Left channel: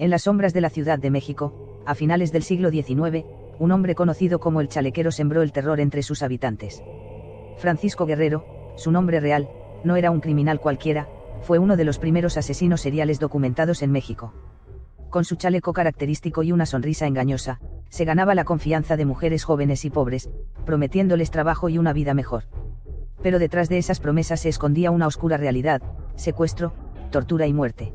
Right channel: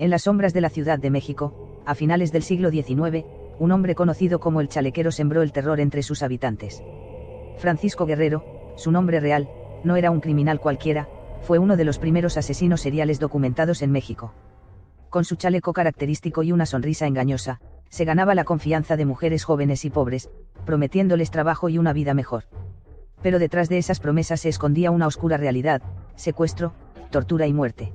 En las sombras de la Ciudad de México, a finales del siglo XIX, un hombre conocido como el Chalequero sembró el terror entre sus habitantes. Francisco Guerrero, su nombre real, no era un criminal cualquiera, fue uno de los primeros asesinos seriales documentados en México. Con su chaleco característico y una sonrisa engañosa, se ganaba la confianza de mujeres jóvenes y pobres, prometiéndoles trabajo y una vida mejor. Pero detrás de esas promesas se escondía una oscura realidad: secuestro, tortura y muerte.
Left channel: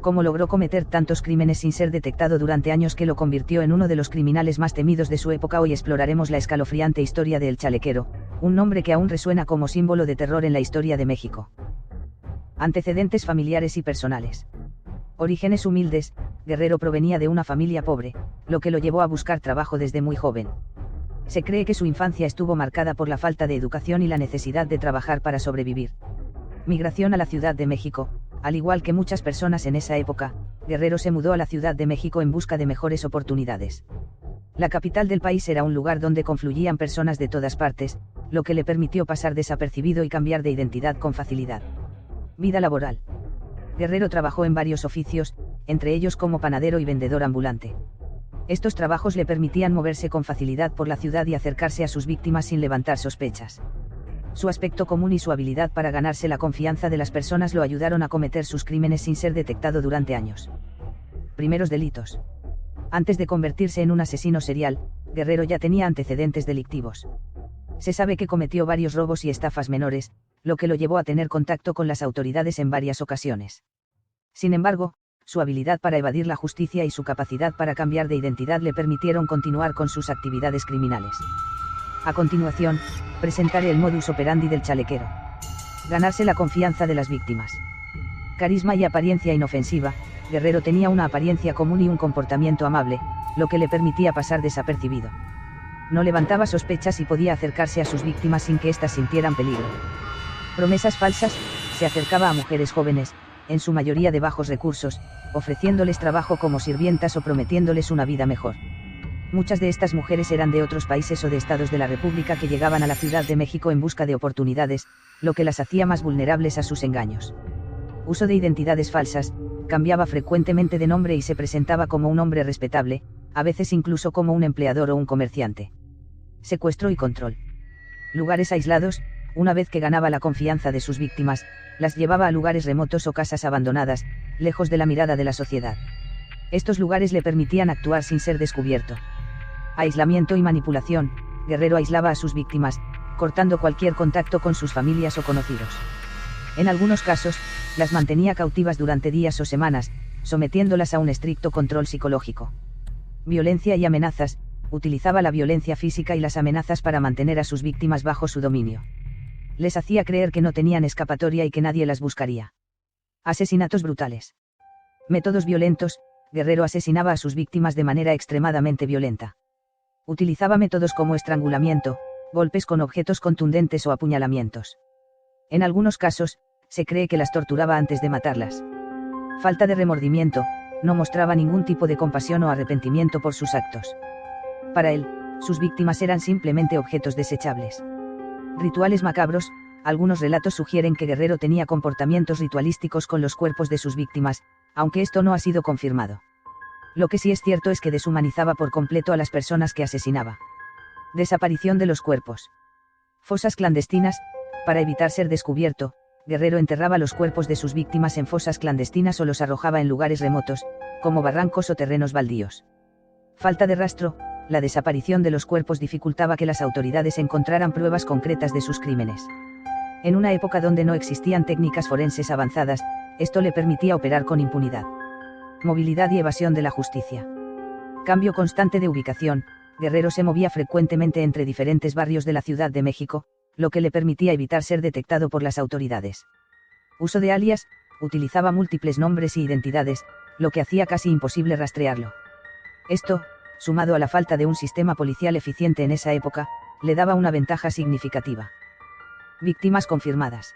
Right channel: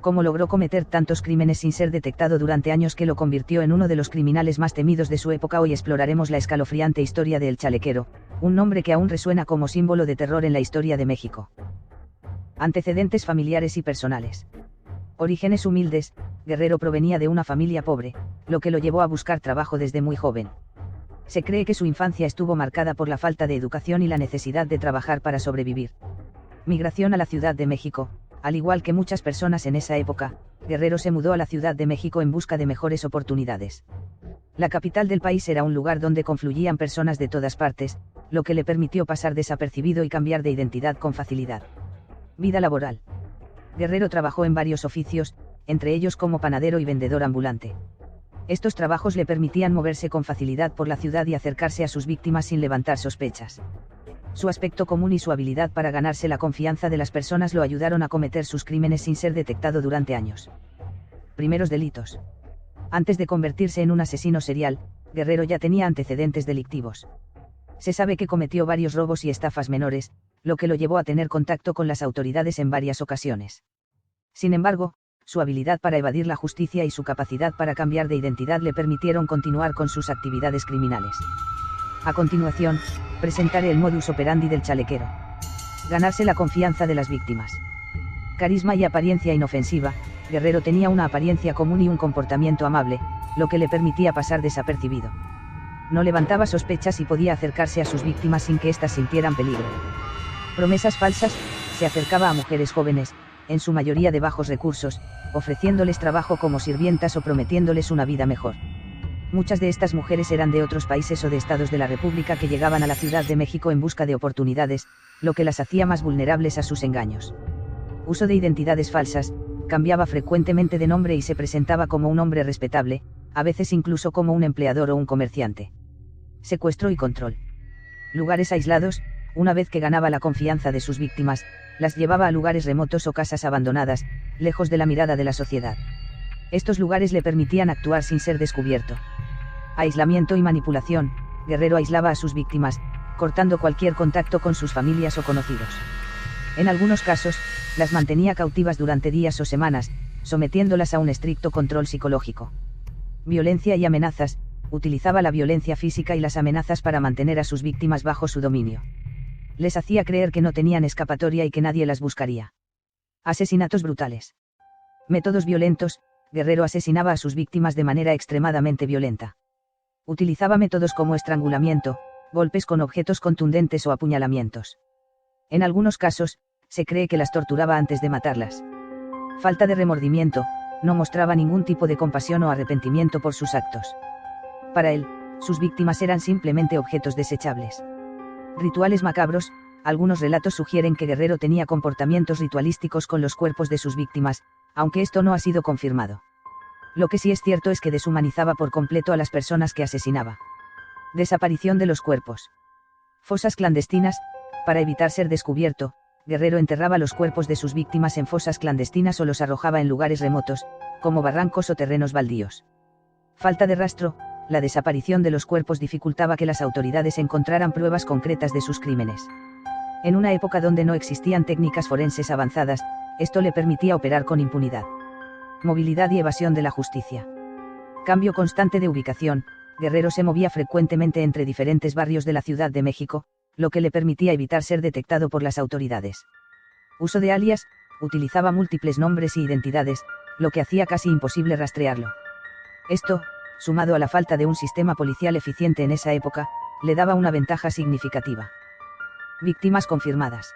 ¿Cómo logró cometer tantos crímenes sin ser detectado durante años que lo convirtió en uno de los criminales más temidos de su época? Hoy exploraremos la escalofriante historia de El Chalequero, un nombre que aún resuena como símbolo de terror en la historia de México. Antecedentes familiares y personales. Orígenes humildes. Guerrero provenía de una familia pobre, lo que lo llevó a buscar trabajo desde muy joven. Se cree que su infancia estuvo marcada por la falta de educación y la necesidad de trabajar para sobrevivir. Migración a la Ciudad de México. Al igual que muchas personas en esa época, Guerrero se mudó a la Ciudad de México en busca de mejores oportunidades. La capital del país era un lugar donde confluían personas de todas partes, lo que le permitió pasar desapercibido y cambiar de identidad con facilidad. Vida laboral. Guerrero trabajó en varios oficios, entre ellos como panadero y vendedor ambulante. Estos trabajos le permitían moverse con facilidad por la ciudad y acercarse a sus víctimas sin levantar sospechas. Su aspecto común y su habilidad para ganarse la confianza de las personas lo ayudaron a cometer sus crímenes sin ser detectado durante años. Primeros delitos. Antes de convertirse en un asesino serial, Guerrero ya tenía antecedentes delictivos. Se sabe que cometió varios robos y estafas menores, lo que lo llevó a tener contacto con las autoridades en varias ocasiones. Sin embargo, su habilidad para evadir la justicia y su capacidad para cambiar de identidad le permitieron continuar con sus actividades criminales. A continuación, presentaré el modus operandi del chalequero. Ganarse la confianza de las víctimas. Carisma y apariencia inofensiva. Guerrero tenía una apariencia común y un comportamiento amable, lo que le permitía pasar desapercibido. No levantaba sospechas y podía acercarse a sus víctimas sin que éstas sintieran peligro. Promesas falsas. Se acercaba a mujeres jóvenes, en su mayoría de bajos recursos, ofreciéndoles trabajo como sirvientas o prometiéndoles una vida mejor. Muchas de estas mujeres eran de otros países o de estados de la República que llegaban a la Ciudad de México en busca de oportunidades, lo que las hacía más vulnerables a sus engaños. Uso de identidades falsas. Cambiaba frecuentemente de nombre y se presentaba como un hombre respetable, a veces incluso como un empleador o un comerciante. Secuestro y control. Lugares aislados. Una vez que ganaba la confianza de sus víctimas, las llevaba a lugares remotos o casas abandonadas, lejos de la mirada de la sociedad. Estos lugares le permitían actuar sin ser descubierto. Aislamiento y manipulación. Guerrero aislaba a sus víctimas, cortando cualquier contacto con sus familias o conocidos. En algunos casos, las mantenía cautivas durante días o semanas, sometiéndolas a un estricto control psicológico. Violencia y amenazas. Utilizaba la violencia física y las amenazas para mantener a sus víctimas bajo su dominio. Les hacía creer que no tenían escapatoria y que nadie las buscaría. Asesinatos brutales. Métodos violentos. Guerrero asesinaba a sus víctimas de manera extremadamente violenta. Utilizaba métodos como estrangulamiento, golpes con objetos contundentes o apuñalamientos. En algunos casos, se cree que las torturaba antes de matarlas. Falta de remordimiento. No mostraba ningún tipo de compasión o arrepentimiento por sus actos. Para él, sus víctimas eran simplemente objetos desechables. Rituales macabros. Algunos relatos sugieren que Guerrero tenía comportamientos ritualísticos con los cuerpos de sus víctimas, aunque esto no ha sido confirmado. Lo que sí es cierto es que deshumanizaba por completo a las personas que asesinaba. Desaparición de los cuerpos. Fosas clandestinas. Para evitar ser descubierto, Guerrero enterraba los cuerpos de sus víctimas en fosas clandestinas o los arrojaba en lugares remotos, como barrancos o terrenos baldíos. Falta de rastro. La desaparición de los cuerpos dificultaba que las autoridades encontraran pruebas concretas de sus crímenes. En una época donde no existían técnicas forenses avanzadas, esto le permitía operar con impunidad. Movilidad y evasión de la justicia. Cambio constante de ubicación. Guerrero se movía frecuentemente entre diferentes barrios de la Ciudad de México, lo que le permitía evitar ser detectado por las autoridades. Uso de alias. Utilizaba múltiples nombres e identidades, lo que hacía casi imposible rastrearlo. Esto, sumado a la falta de un sistema policial eficiente en esa época, le daba una ventaja significativa. Víctimas confirmadas.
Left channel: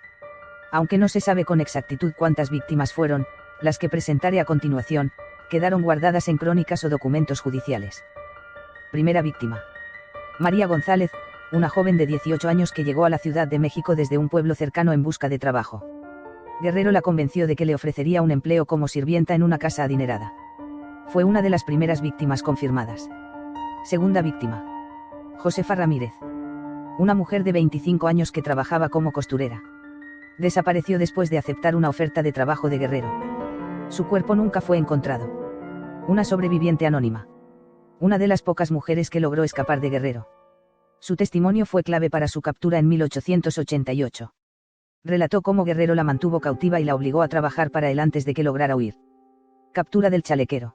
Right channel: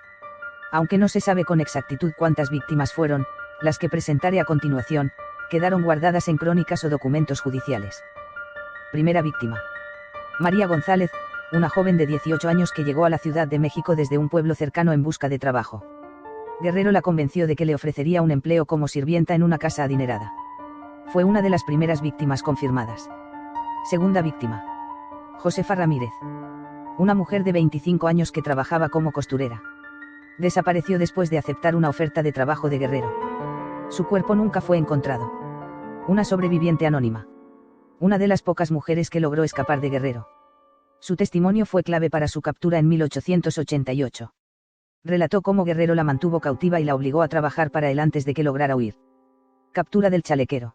Aunque no se sabe con exactitud cuántas víctimas fueron, las que presentaré a continuación, quedaron guardadas en crónicas o documentos judiciales. Primera víctima. María González, una joven de 18 años que llegó a la Ciudad de México desde un pueblo cercano en busca de trabajo. Guerrero la convenció de que le ofrecería un empleo como sirvienta en una casa adinerada. Fue una de las primeras víctimas confirmadas. Segunda víctima. Josefa Ramírez. Una mujer de 25 años que trabajaba como costurera. Desapareció después de aceptar una oferta de trabajo de Guerrero. Su cuerpo nunca fue encontrado. Una sobreviviente anónima. Una de las pocas mujeres que logró escapar de Guerrero. Su testimonio fue clave para su captura en 1888. Relató cómo Guerrero la mantuvo cautiva y la obligó a trabajar para él antes de que lograra huir. Captura del chalequero.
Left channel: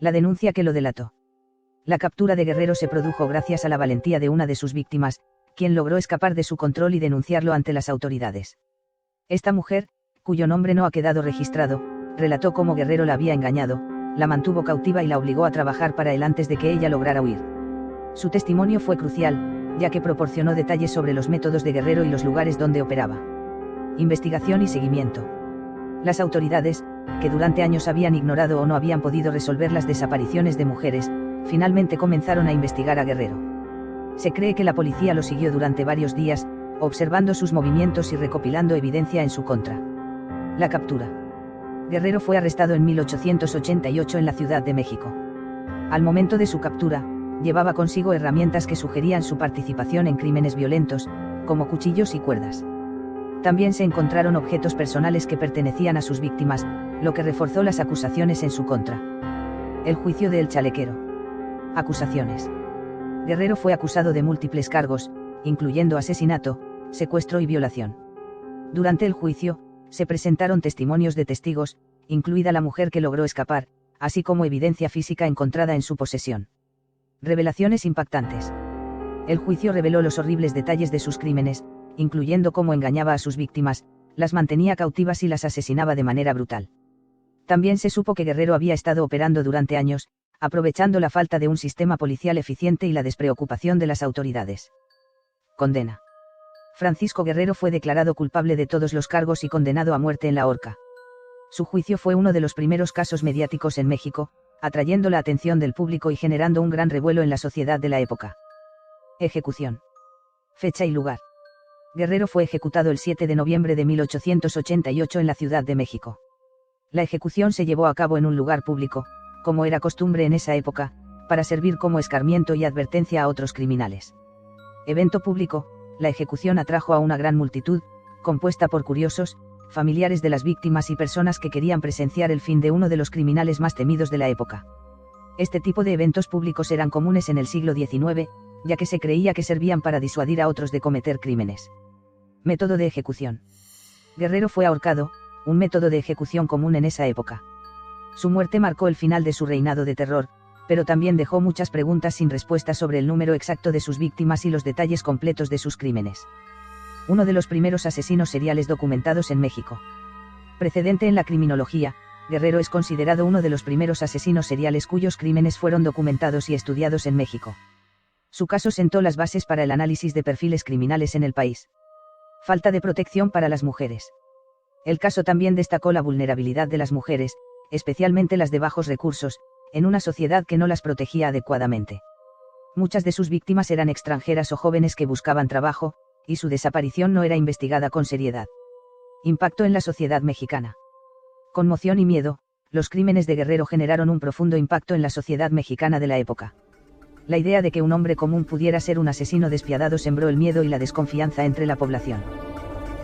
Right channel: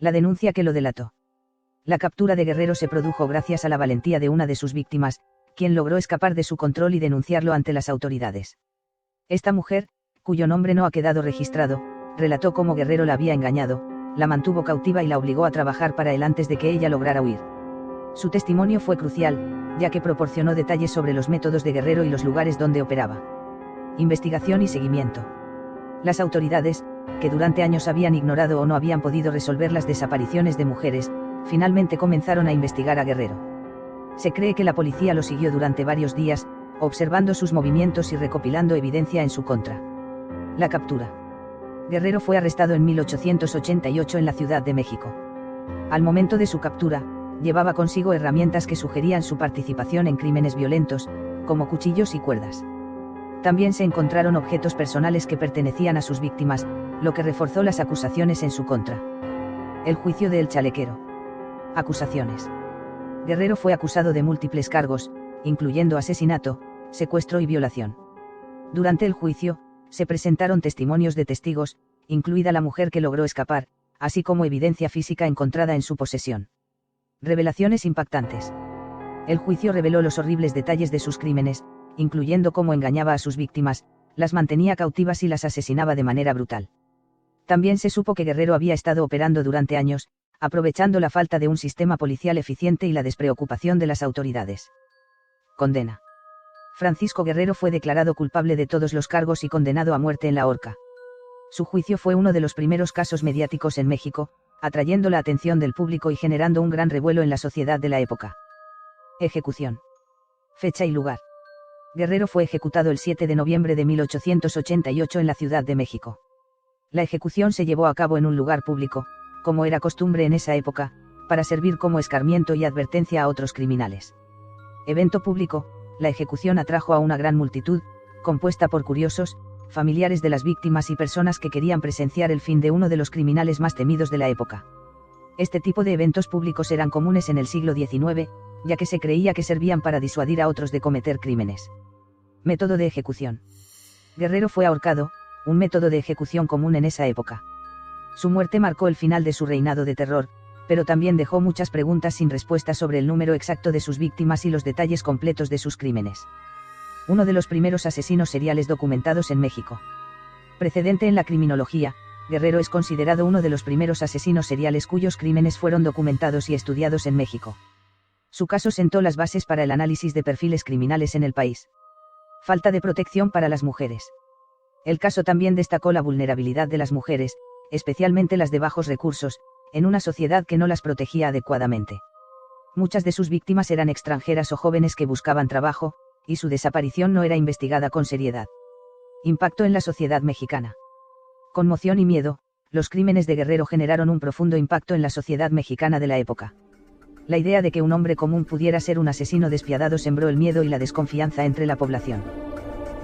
La denuncia que lo delató. La captura de Guerrero se produjo gracias a la valentía de una de sus víctimas, quien logró escapar de su control y denunciarlo ante las autoridades. Esta mujer, cuyo nombre no ha quedado registrado, relató cómo Guerrero la había engañado, la mantuvo cautiva y la obligó a trabajar para él antes de que ella lograra huir. Su testimonio fue crucial, ya que proporcionó detalles sobre los métodos de Guerrero y los lugares donde operaba. Investigación y seguimiento. Las autoridades, que durante años habían ignorado o no habían podido resolver las desapariciones de mujeres, finalmente comenzaron a investigar a Guerrero. Se cree que la policía lo siguió durante varios días, observando sus movimientos y recopilando evidencia en su contra. La captura. Guerrero fue arrestado en 1888 en la Ciudad de México. Al momento de su captura, llevaba consigo herramientas que sugerían su participación en crímenes violentos, como cuchillos y cuerdas. También se encontraron objetos personales que pertenecían a sus víctimas, lo que reforzó las acusaciones en su contra. El juicio de El Chalequero. Acusaciones. Guerrero fue acusado de múltiples cargos, incluyendo asesinato, secuestro y violación. Durante el juicio, se presentaron testimonios de testigos, incluida la mujer que logró escapar, así como evidencia física encontrada en su posesión. Revelaciones impactantes. El juicio reveló los horribles detalles de sus crímenes, incluyendo cómo engañaba a sus víctimas, las mantenía cautivas y las asesinaba de manera brutal. También se supo que Guerrero había estado operando durante años, aprovechando la falta de un sistema policial eficiente y la despreocupación de las autoridades. Condena. Francisco Guerrero fue declarado culpable de todos los cargos y condenado a muerte en la horca. Su juicio fue uno de los primeros casos mediáticos en México, atrayendo la atención del público y generando un gran revuelo en la sociedad de la época. Ejecución. Fecha y lugar. Guerrero fue ejecutado el 7 de noviembre de 1888 en la Ciudad de México. La ejecución se llevó a cabo en un lugar público, como era costumbre en esa época, para servir como escarmiento y advertencia a otros criminales. Evento público. La ejecución atrajo a una gran multitud, compuesta por curiosos, familiares de las víctimas y personas que querían presenciar el fin de uno de los criminales más temidos de la época. Este tipo de eventos públicos eran comunes en el siglo XIX, ya que se creía que servían para disuadir a otros de cometer crímenes. Método de ejecución. Guerrero fue ahorcado, un método de ejecución común en esa época. Su muerte marcó el final de su reinado de terror, pero también dejó muchas preguntas sin respuesta sobre el número exacto de sus víctimas y los detalles completos de sus crímenes. Uno de los primeros asesinos seriales documentados en México. Precedente en la criminología, Guerrero es considerado uno de los primeros asesinos seriales cuyos crímenes fueron documentados y estudiados en México. Su caso sentó las bases para el análisis de perfiles criminales en el país. Falta de protección para las mujeres. El caso también destacó la vulnerabilidad de las mujeres, especialmente las de bajos recursos, en una sociedad que no las protegía adecuadamente. Muchas de sus víctimas eran extranjeras o jóvenes que buscaban trabajo, y su desaparición no era investigada con seriedad. Impacto en la sociedad mexicana. Conmoción y miedo. Los crímenes de Guerrero generaron un profundo impacto en la sociedad mexicana de la época. La idea de que un hombre común pudiera ser un asesino despiadado sembró el miedo y la desconfianza entre la población.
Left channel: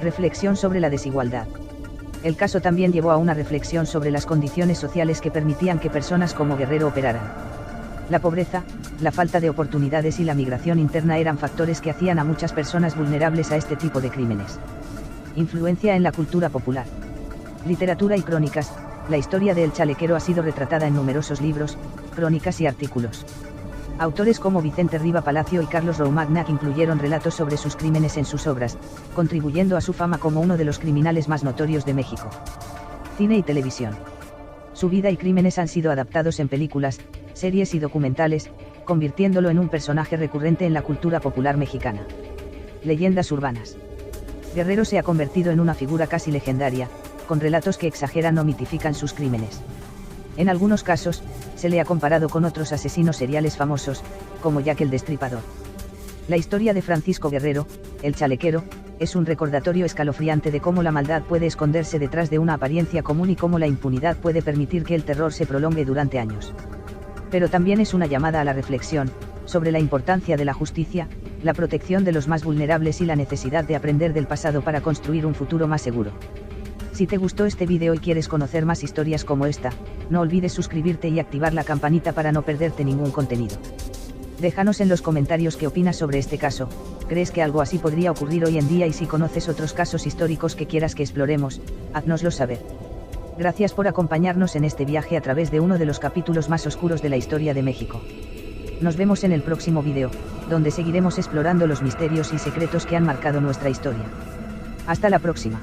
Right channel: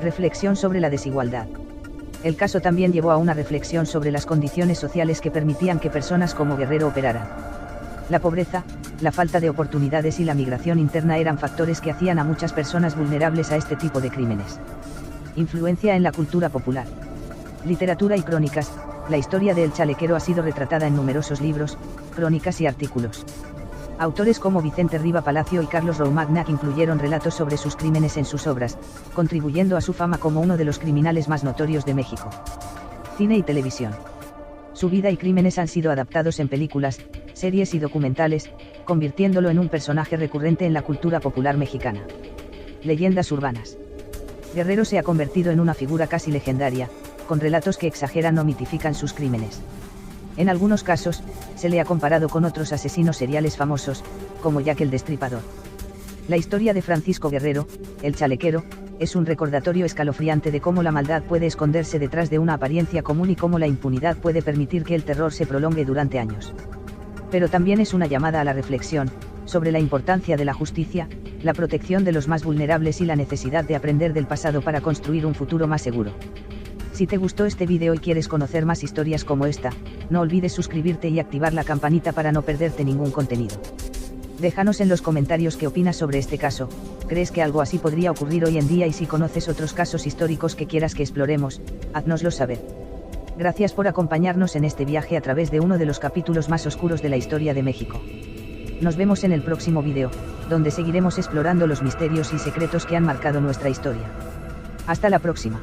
Reflexión sobre la desigualdad. El caso también llevó a una reflexión sobre las condiciones sociales que permitían que personas como Guerrero operaran. La pobreza, la falta de oportunidades y la migración interna eran factores que hacían a muchas personas vulnerables a este tipo de crímenes. Influencia en la cultura popular. Literatura y crónicas. La historia de El Chalequero ha sido retratada en numerosos libros, crónicas y artículos. Autores como Vicente Riva Palacio y Carlos Roumagnac incluyeron relatos sobre sus crímenes en sus obras, contribuyendo a su fama como uno de los criminales más notorios de México. Cine y televisión. Su vida y crímenes han sido adaptados en películas, series y documentales, convirtiéndolo en un personaje recurrente en la cultura popular mexicana. Leyendas urbanas. Guerrero se ha convertido en una figura casi legendaria, con relatos que exageran o mitifican sus crímenes. En algunos casos, se le ha comparado con otros asesinos seriales famosos, como Jack el Destripador. La historia de Francisco Guerrero, el Chalequero, es un recordatorio escalofriante de cómo la maldad puede esconderse detrás de una apariencia común y cómo la impunidad puede permitir que el terror se prolongue durante años. Pero también es una llamada a la reflexión, sobre la importancia de la justicia, la protección de los más vulnerables y la necesidad de aprender del pasado para construir un futuro más seguro. Si te gustó este vídeo y quieres conocer más historias como esta, no olvides suscribirte y activar la campanita para no perderte ningún contenido. Déjanos en los comentarios qué opinas sobre este caso. ¿Crees que algo así podría ocurrir hoy en día? Y si conoces otros casos históricos que quieras que exploremos, háznoslo saber. Gracias por acompañarnos en este viaje a través de uno de los capítulos más oscuros de la historia de México. Nos vemos en el próximo vídeo, donde seguiremos explorando los misterios y secretos que han marcado nuestra historia. Hasta la próxima.